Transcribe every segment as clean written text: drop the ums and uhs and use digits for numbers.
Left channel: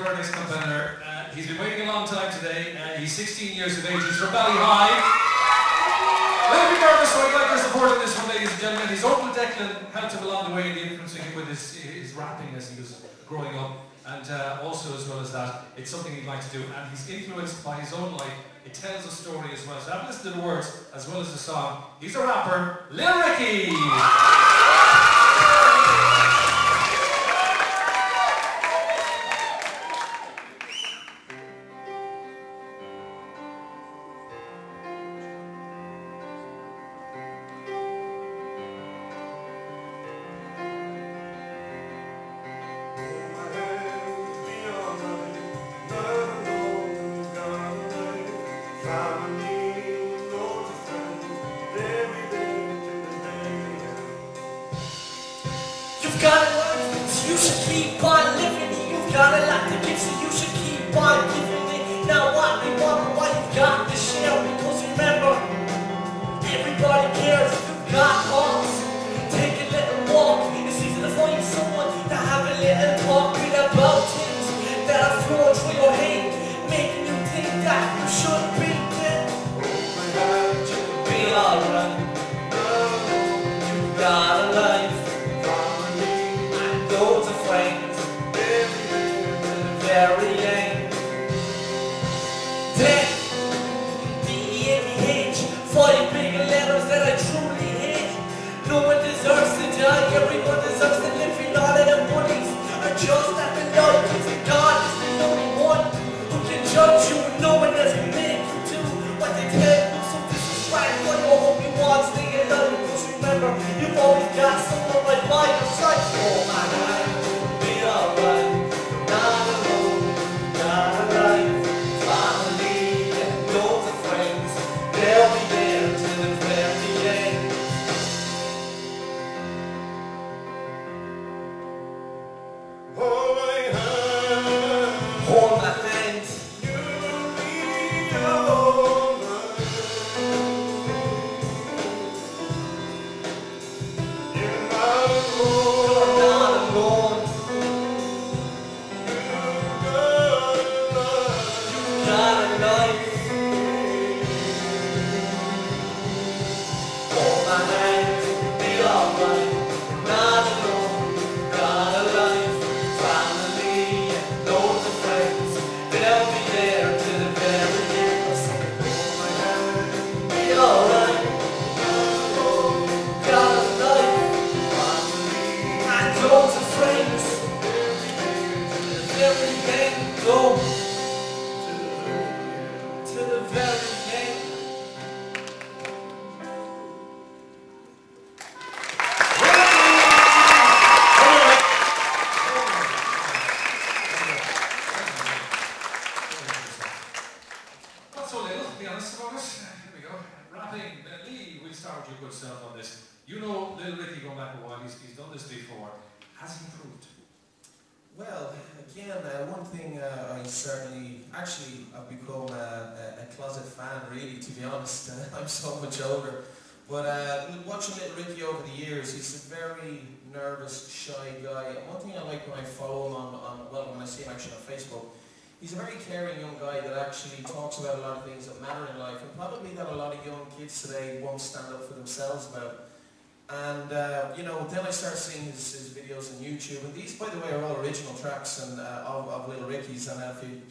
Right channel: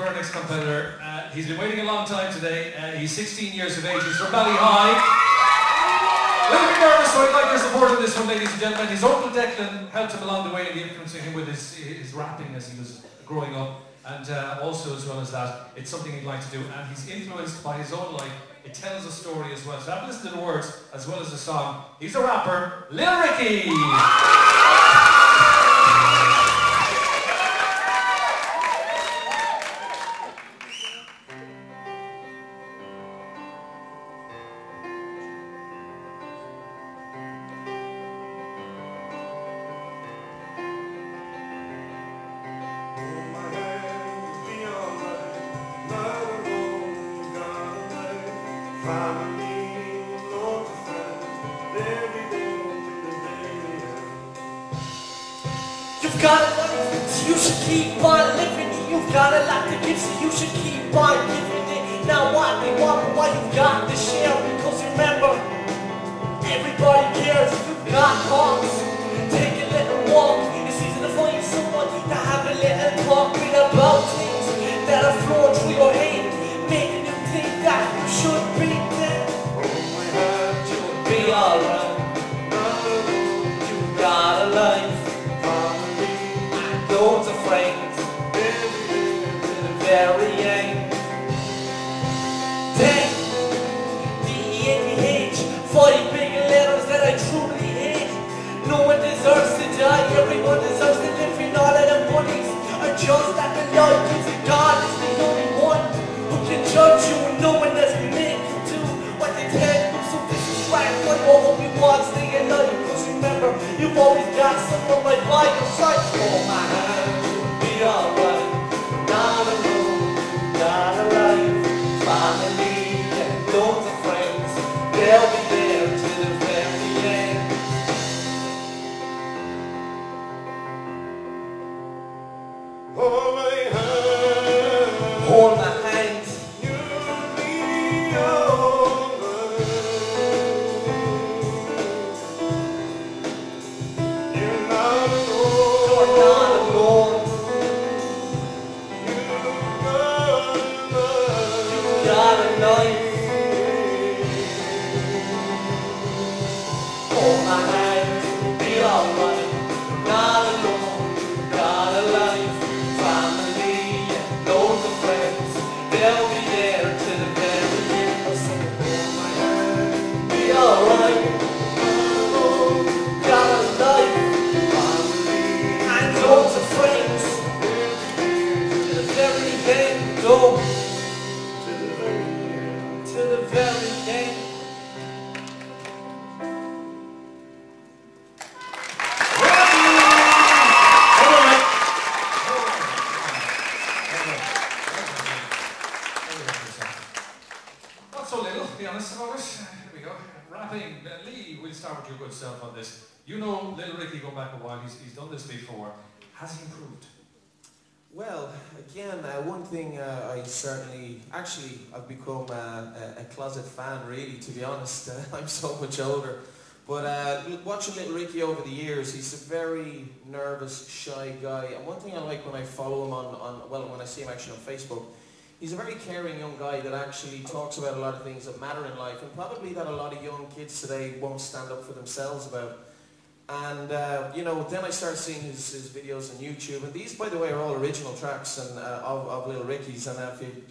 for our next competitor. He's been waiting a long time today. He's 16 years of age. He's from Ballyhigh. A little bit nervous, so I'd like your support on this one, ladies and gentlemen. His uncle Declan helped him along the way in influencing him with his rapping as he was growing up. And also, as well as that, it's something he'd like to do. And he's influenced by his own life. It tells a story as well. So have a listen to the words as well as the song. He's a rapper, Lil Ricky! You've got a life, so you should keep on living it. You've got a lot to give, so you should keep on giving it. Now what they wonder why you've got to share, because remember, everybody cares if you've got arms. Take a little walk, it's easy to find someone to have a little talk with about things that are flowing through your head, making you think that you should be dead. You'll be alright. You've got a life. Loads of friends to the very end. Then D-E-A-T-H, 5 big letters that I truly hate. No one deserves to die, everyone deserves to live, and all of them bunnies are just at the Lord, because God is the only one who can judge you, and no one has been made to do what they tell you. So this is right for you, hope you want to stay alive, because remember, you've always got someone right by your side. Oh my God. Alright, not alone, got a life, family, and loads of friends. They'll be there to the very end. Hold my hand, hold my hand. You'll be alright. You're not alone. You're not alone. Hold my hand, be alright, not alone, got a life, family, and loads of friends, they'll be there to the very end. I said, hold my hand, be alright, not alone, got a life, family, and loads of friends, to the very end, go, to the very end, to the very end. Here we go. Rapping. Lee, we'll start with your good self on this. You know Lil Ricky, go back a while, he's done this before. Has he improved? Well, again, one thing I certainly, actually I've become a closet fan really, to be honest. I'm so much older. But watching Lil Ricky over the years, he's a very nervous, shy guy. And one thing I like when I follow him when I see him actually on Facebook, he's a very caring young guy that actually talks about a lot of things that matter in life, and probably that a lot of young kids today won't stand up for themselves about. And you know, then I start seeing his videos on YouTube, and these, by the way, are all original tracks and of Lil Ricky's, and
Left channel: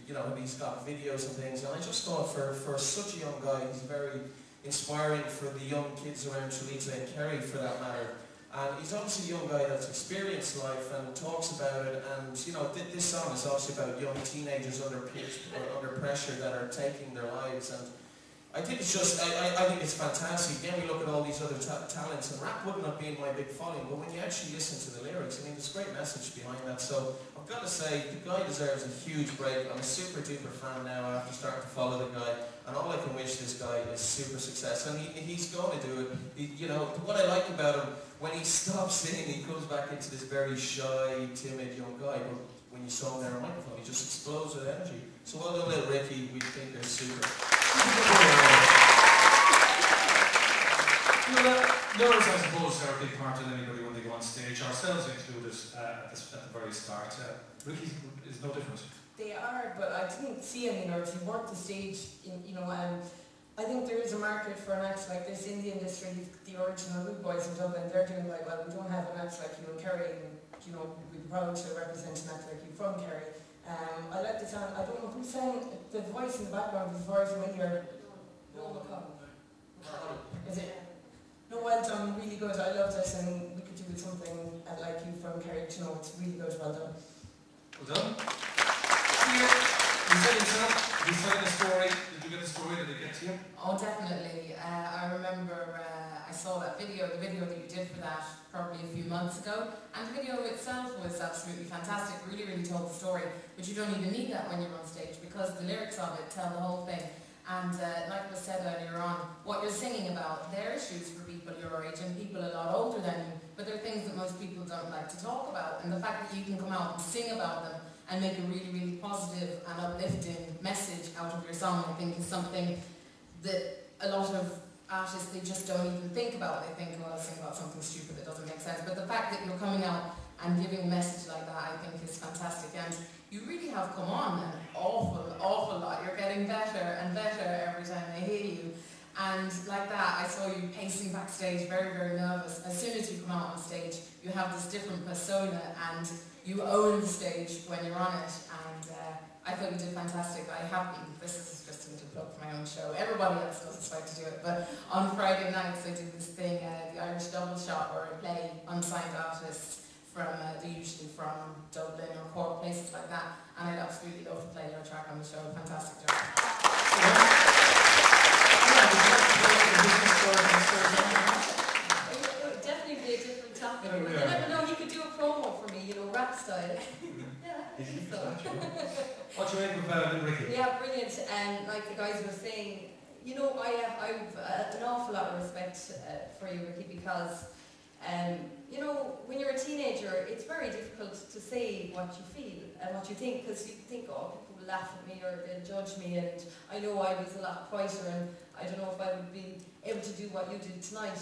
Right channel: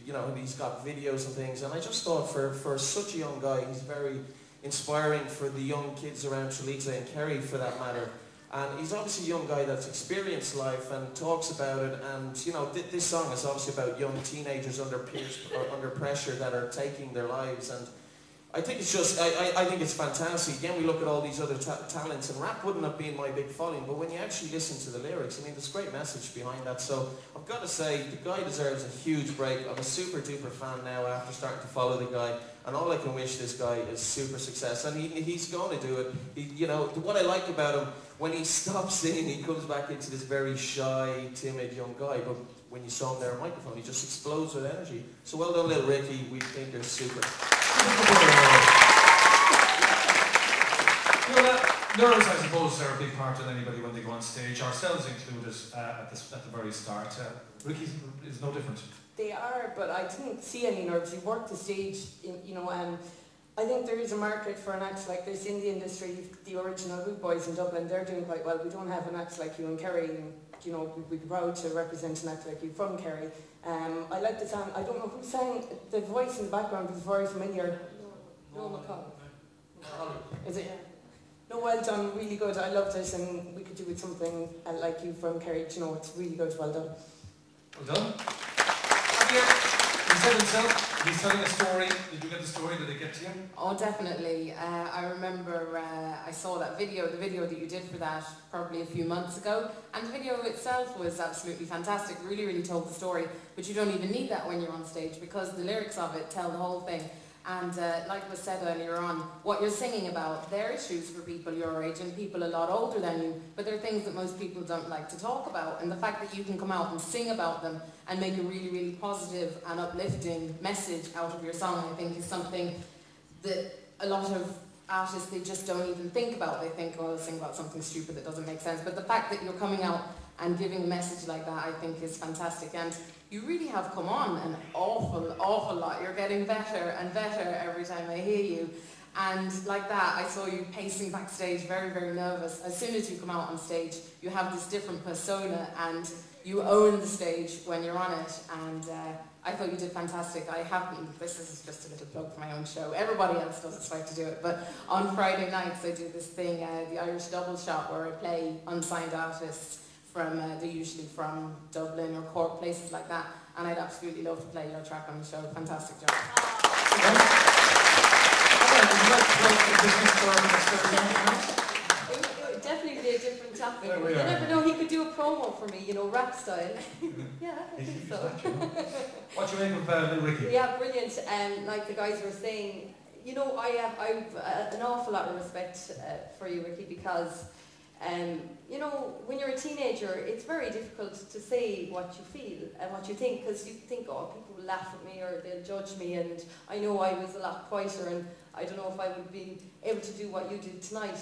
you know, he's got videos and things. And I just thought, for such a young guy, he's very inspiring for the young kids around Tralee and Kerry, for that matter. And he's obviously a young guy that's experienced life and talks about it. And you know, this song is obviously about young teenagers under pressure that are taking their lives. And I think it's just, I think it's fantastic. Again, we look at all these other talents, and rap wouldn't have been my big following, but when you actually listen to the lyrics, I mean, there's a great message behind that. So I've got to say, the guy deserves a huge break. I'm a super duper fan now after starting to follow the guy, and all I can wish this guy is super success, and he's going to do it. You know, what I like about him, when he stops singing, he comes back into this very shy, timid young guy, but when you saw him there on microphone, he just explodes with energy. So well done, Lil Ricky. We think they're super. You know, nerves, I suppose, are a big part of anybody when they go on stage, ourselves included, at the very start. Ricky is no different. They hard, but I didn't see any nerves. You worked the stage, you know, and I think there is a market for an act like this in the industry. The original Rude Boys in Dublin, they're doing quite well. We don't have an act like you in Kerry, and you know, we'd be proud to represent an act like you from Kerry. I like the sound. I don't know who sang the voice in the background is very familiar. No McCall. Is it? No, well done, really good. I loved it, and we could do with something like you from Kerry. You know, it's really good. Well done. Well done. Here, he said himself, he's telling a story. Did you get the story? Did it get to you? Oh, definitely. I remember I saw that video, the video that you did for that probably a few months ago, and the video itself was absolutely fantastic, really, really told the story, but you don't even need that when you're on stage because the lyrics of it tell the whole thing. And like was said earlier on, what you're singing about, they're issues for people your age and people a lot older than you, but they're things that most people don't like to talk about. And the fact that you can come out and sing about them and make a really, really positive and uplifting message out of your song, I think is something that a lot of artists, they just don't even think about. They think, well, I'll sing about something stupid that doesn't make sense. But the fact that you're coming out and giving a message like that, I think is fantastic. And you really have come on an awful lot. You're getting better and better every time I hear you. And like that, I saw you pacing backstage, very, very nervous. As soon as you come out on stage, you have this different persona and you own the stage when you're on it. And I thought you did fantastic. I haven't, this is just a little plug for my own show. Everybody else doesn't like to do it. But on Friday nights, I do this thing, the Irish Double Shot, where I play unsigned artists from, they're usually from Dublin or Cork, places like that, and I'd absolutely love to play your track on the show. Fantastic job. It would definitely be a different topic. You never know, he could do a promo for me, you know, rap style. Yeah, I think so. What's your aim with Little Ricky? Yeah, brilliant. And like the guys were saying, you know, I've an awful lot of respect for you, Ricky, because you know, when you're a teenager, it's very difficult to say what you feel and what you think, because you think, oh, people will laugh at me or they'll judge me, and I know I was a lot quieter, and I don't know if I would be able to do what you did tonight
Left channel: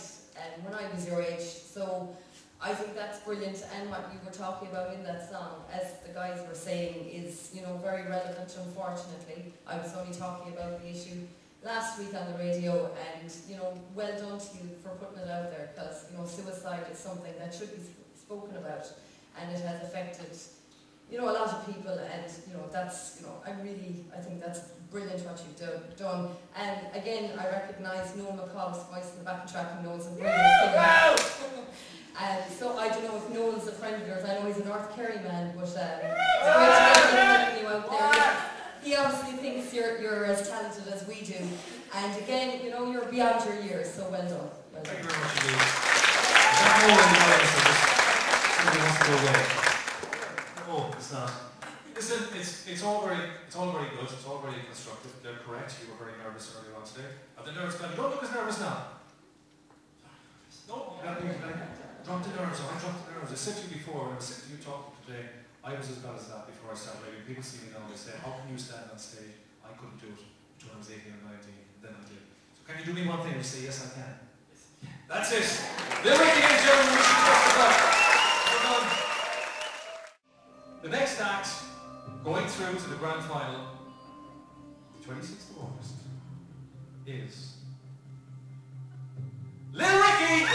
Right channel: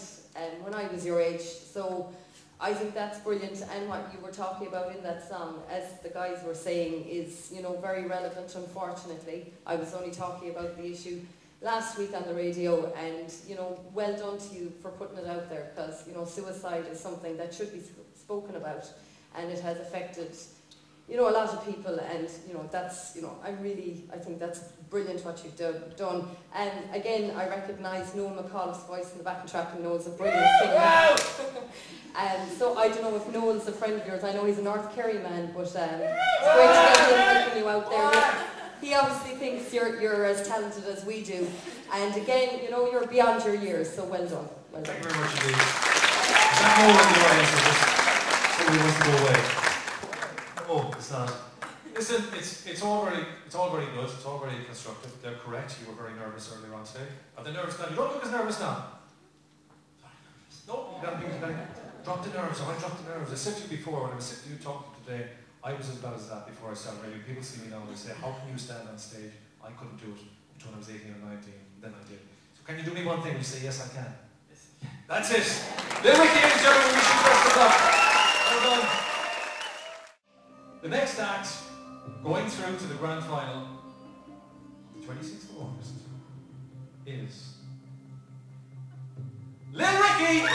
when I was your age. So I think that's brilliant, and what you were talking about in that song, as the guys were saying, is, you know, very relevant, unfortunately. I was only talking about the issue last week on the radio, and, you know, well done to you for putting it out there, because, you know, suicide is something that should be spoken about, and it has affected, you know, a lot of people, and, you know, that's, you know, I think that's brilliant what you've done. And again, I recognise Noel McCall's voice in the backing track, and Noel's a brilliant singer. And so I don't know if Noel's a friend of yours. I know he's a North Kerry man, but it's great to get him you out there. He obviously thinks you're as talented as we do. And again, you know, you're beyond your years, so well done. Well done. Thank you very much indeed. Is that more in the audience or just somebody wants to go away? No, it's not. Listen, it's all very good, it's all very constructive. They're correct. You were very nervous earlier on today. Are they nervous now? You don't look as nervous now. No, you gotta drop the nerves. I dropped the nerves. I said to you before when I was sitting to you talking today, I was as bad as that before I started radio. People see me now and they say, how can you stand on stage? I couldn't do it until I was 18 or 19, then I did. So can you do me one thing? And you say, yes, I can. That's it. Little Ricky, ladies and gentlemen, we should just the well done. The next act, going through to the grand final, the 26th of August, is Little Ricky!